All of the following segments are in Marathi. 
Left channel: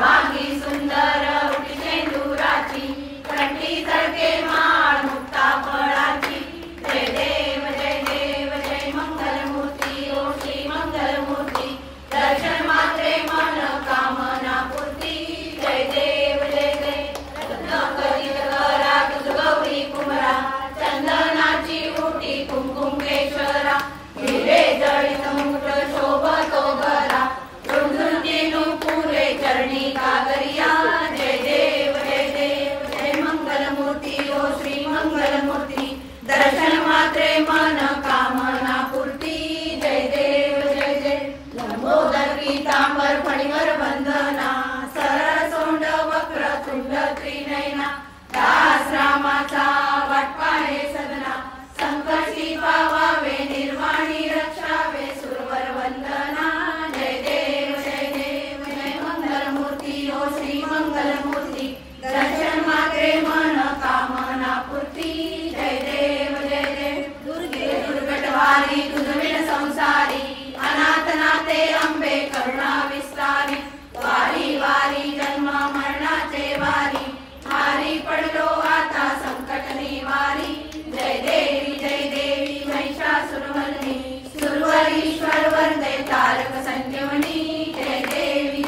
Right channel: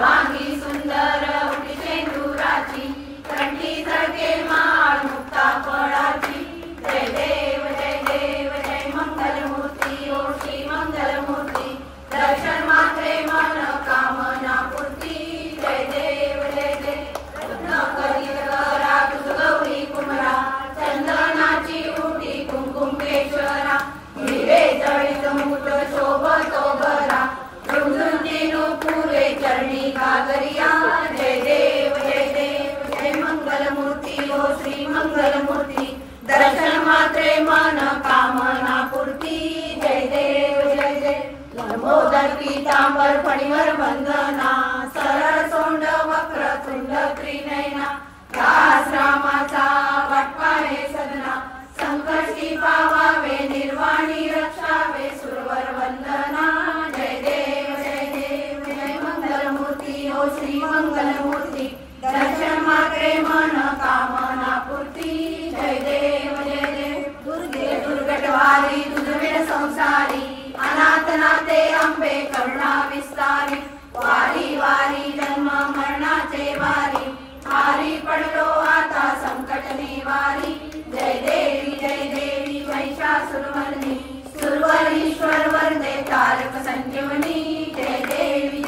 सर्वांगी सुंदर उटी शेंदुराची कंठी झळके माळ मुक्ता फळाची जय देव जय मंगलमूर्ती ओ श्री मंगलमूर्ती दर्शन मात्रे मन कामना पूर्ती जय देव कथित करा तुझ गौरी कुमरा चंदनाची उटी कुंकुमेश्वरा हिरे जळीत मुठ शोभतो बरा रुंदुंतीनु फुले चरणी कागरिया जय देव जय मंगलमूर्ती ओ श्री मंगलमूर्ती दर्शन मात्रे मन कामना पूर्ती जय देव जय लंबोदर पीतांबर फणीवर वंदना सरळ सोंड वक्र तुंड त्रिनयना दास रामाचा वाटपाहे सदना संकटी पावावे निर्वाणी रक्षावे सुरवर वंदना जय देव जय मंगलमूर्ती ओ श्री मंगलमूर्ती दर्शन मात्रे मन कामना पूर्ती जय देव दुर्गे दुर्गटवारी तुझविण संसारी अनाथ नाते अंबे करुणा विस्तारी वारी वारी जन्म मरणाचे वारी हारी पडलो आता संकट निवारी जय देवी महिषासुरमर्दिनी सुरवरीश्वर वरदे तारक संजीवनी जय देवी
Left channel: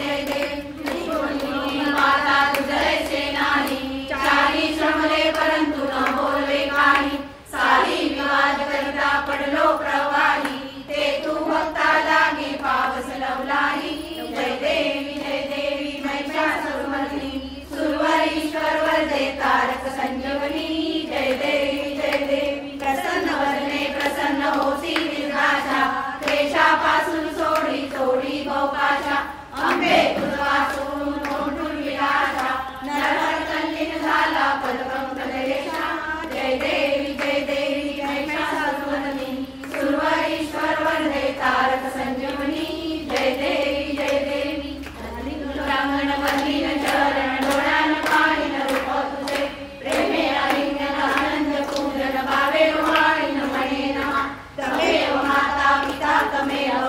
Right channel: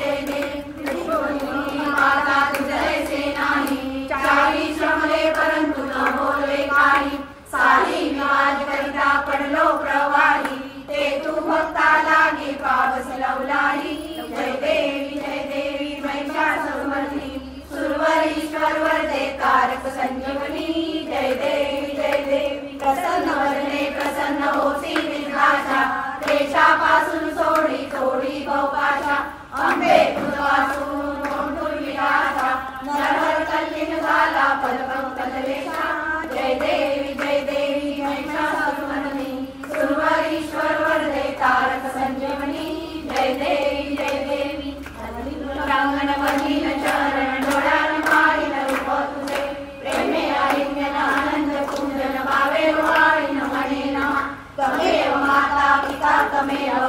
माता तुझे सेनानी चारी श्रमले परंतु न बोलवे काही सारी विवाद करिता पडलो प्रवाही ते तू भक्ता लागी पावस लवलाही जय देवी महिषासुरमर्दिनी सुरवरीश्वर वरदे तारक संजीवनी जय देवी प्रसन्न वदने प्रसन्न होती विघ्नाच्या क्लेशापासून सोडी भोपाशा अंबे तुझवासून मोठून विलासा नरहर कल्लिन झाला पलकम कलेशा जय देवी महिषासुरमर्दिनी सुरवरीश्वर वरदे तारक संजीवनी जय देवी प्रांगण मधीन चरण डोळ्यान पाहिन रूप तुझे प्रेमे आलिंगन आनंद कुंजन भावे वाळीन म्हणेन तमेव माता पिता तमेव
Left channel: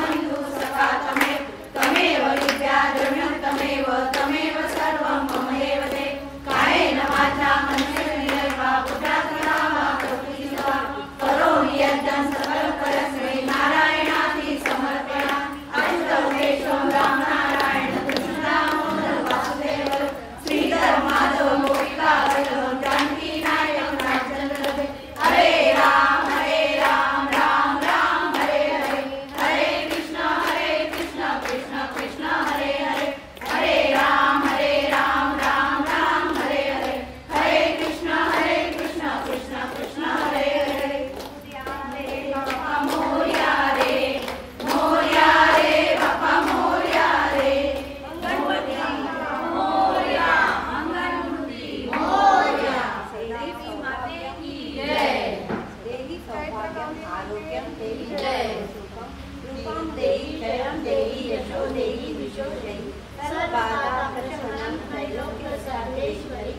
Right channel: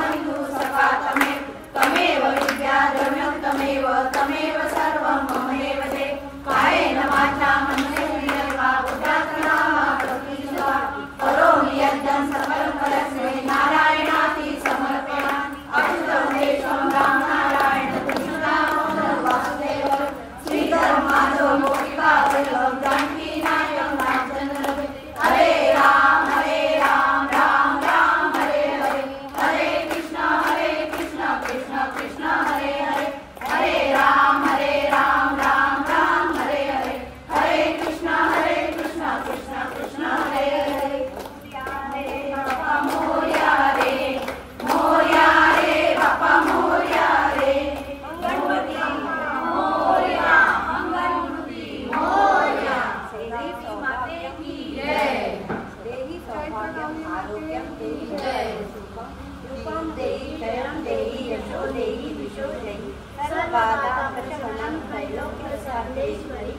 बंधू सखा तमेव विद्या द्रव्यं तमेव सर्वं ममेव ते कायेन वाचा मनसेन्द्रियैर्वा बुद्ध्यात्मना प्रकृतिस्वा करोमि यज्ञं सकलं परस्मै नारायणाति समर्पयामि अच्युतं केशवं राम नारायण कृष्णदामोदर वासुदेव श्रीधर माधव गोपिका वल्लभ जानकी नायकं रामचंद्र हरे राम राम राम हरे हरे कृष्ण कृष्ण कृष्ण हरे हरे राम राम राम हरे कृष्ण कृष्ण कृष्ण हरे हरे बापा मोरया रे बापा मोरया रे गणपती मोरया मंगलमूर्ती मोरया देवी माते की जय देवी सौभाग्यम आरोग्यम देवी जय सुखम रूपम देवी जयम देवी यशो देवी विशो देवी सर्वबाधा प्रशमनं त्रैलोक्य सर्वेश्वरी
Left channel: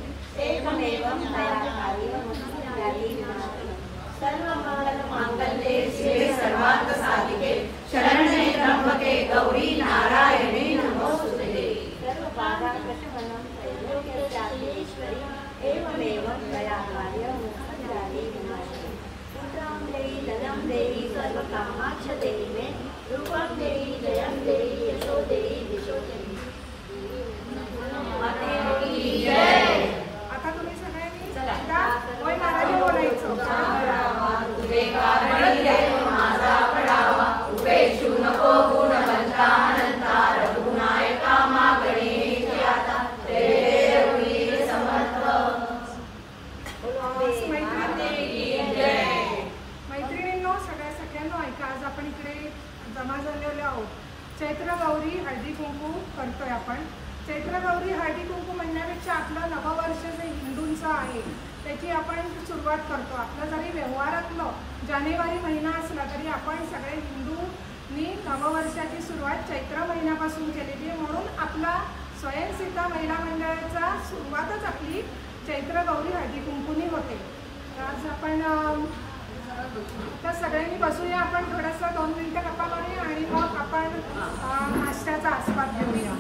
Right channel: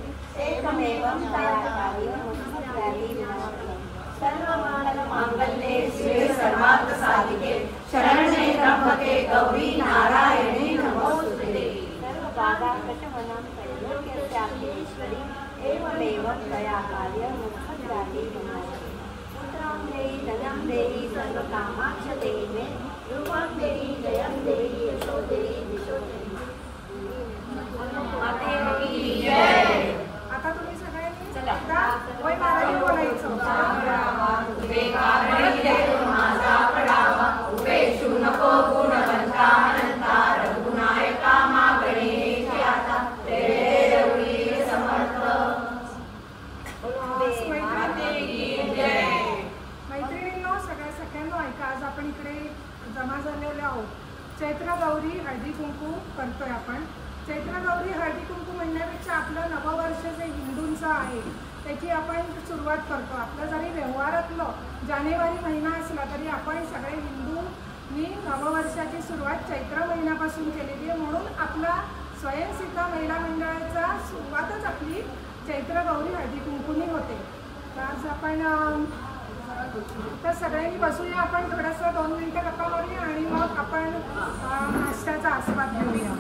एकमेवं दयाकारी मुक्तिदात्री नमः सर्वमंगल मांगल्ये शिवे सर्वार्थ साधिके शरण्ये त्र्यंबके गौरी नारायणी नमोस्तुते सर्वबाधा प्रशमनं त्रैलोक्य सर्वेश्वरी एकमेवं दयाकारी मुक्तिदात्री नमः पुत्रं देहि धनं देहि सर्वकामाक्ष देहि मे रूपं देहि जयं देहि यशो देहि विशो देहि माते की जय। आता तुम्ही सगळ्यांनी वय मारायला बोलायचं तुझे कारणी देव माझा पडावा उपेक्षू नको गुणवंता अनंता रघुनायका मागणे आता तेरे रघुवीर समर्थ मैत्रिणींनो सगळ्यांनो ऐका आज आपण इकडे जमा झालेलो आहोत चैत्र गौरी हळदी कुंकू करतोय आपण चैत्र गौरी हळदी कुंकू म्हणण्यापेक्षा आपलं नववर्ष जे हिंदूंचं आहे त्याची आपण सुरुवात करतो आपलं जरी व्यवहारातलं जानेवारी महिना असला तरी आपण सगळे हिंदूंनी नववर्षाची सुरुवात चैत्र महिन्यापासून केलेली आहे म्हणून आपला स्वयंसिद्धा महिला मंडळाचा सुरुवातच आपली चैत्र गौरी हळदी कुंकूनी होते। तर आज आपण तर सगळ्यांनी बसूया आपण थोडासा 2 मिनिटं गप्पा मारूया आणि मग आपण नाश्त्याचा आस्वाद घेऊया।